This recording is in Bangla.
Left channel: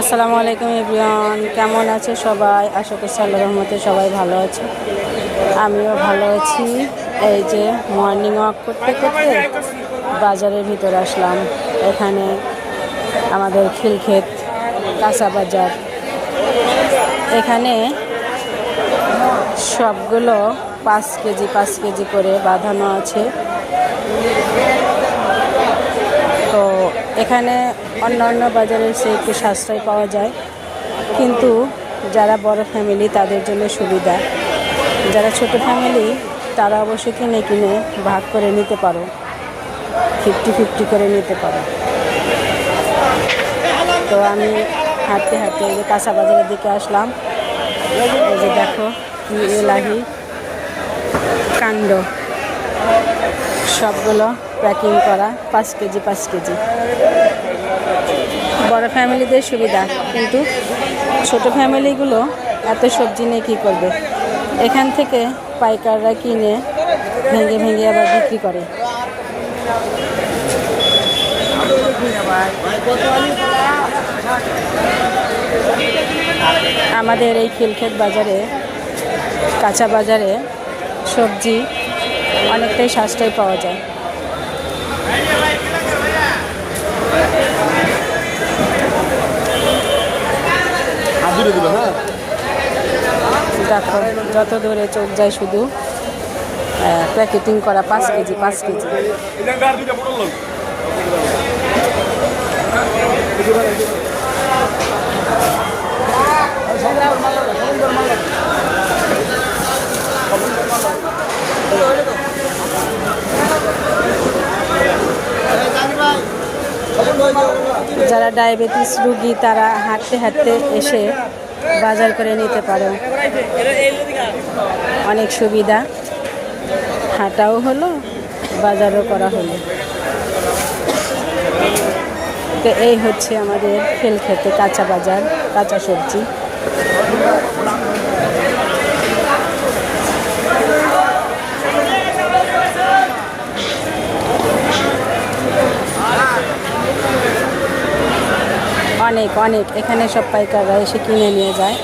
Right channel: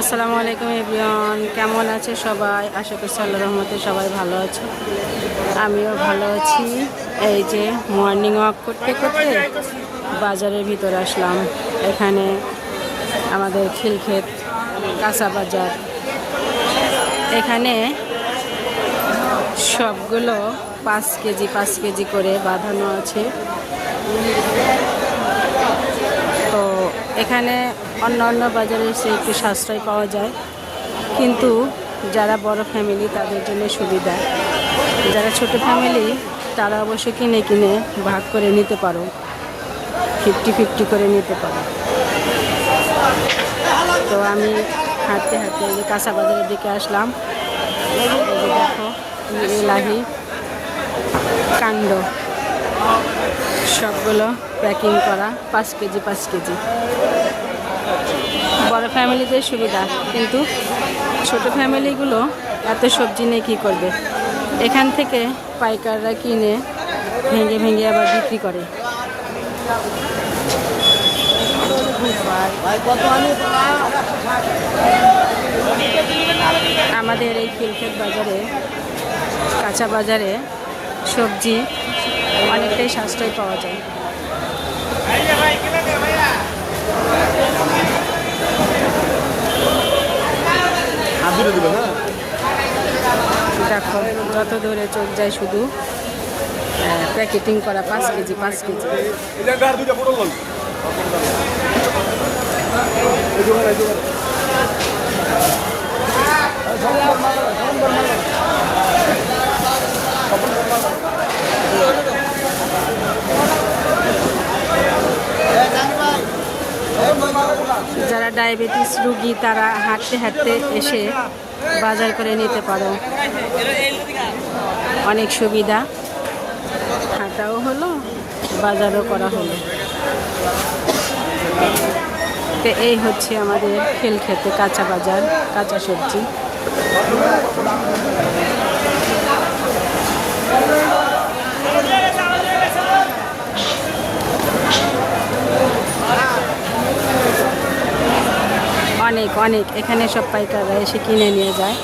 আসসালামু আলাইকুম এভরিওয়ান, কেমন আছে সবাই? আশা করছি আল্লাহর রহমতে সবাই ভালো আছে, আমিও ভালো আছি। এই যে মর্নিং ওয়াক করতে করতে বাজারের ভিতরে আসলাম। এখানে আমাদের খিলক্ষেত কাঁচা বাজার, এখানে সবগুলো 5 কেজি করে বাঁধানো আছে। তো এখানে অন্য বাজারের চেয়ে একটু সাশ্রয় পাওয়া যায়, কিন্তু যারা বড় ফ্যামিলি তাদের জন্য সুবিধা। যারা ছোট ফ্যামিলি তারা অবশ্যই কিনে ভাগ করে নিতে পারো, 50-50 করে নিতে পারো। তো আমি হাঁটতে হাঁটতে এই যে কাঁচা বাজারের দিকে আসলাম। এই যে দেখো কি এলাহি কাণ্ড, সবগুলো প্যাকিং করা 5 কেজি। বড় ফ্যামিলিদের সুবিধা, কিন্তু ছোট ফ্যামিলিগুলো এত সবজি নিয়ে কী করবে? এখান থেকে পাইকাররা কিনে ভেঙে আবার বিক্রি করে। আমাদের এই খিলক্ষেত বাজারে, কাঁচা বাজারে সবজি অনেকটাই সাশ্রয় পাওয়া যায়। দেখো যত দূরে চোখ যায় শুধু প্যাকেটিং করা 5 কেজি। যারা ডায়াবেটিস রোগী তারা হাঁটতে হাঁটতে এসে বাজার করে নিতে পারো, অনেক সুবিধা। হাঁটাও হলো, বাজারও করা হলো। তো এই হচ্ছে আমাদের খিলক্ষেতে কাঁচা বাজার, কাঁচা সবজি। অনেক এখানে সব পাইকাররা এসে কিনে নিয়ে যায়।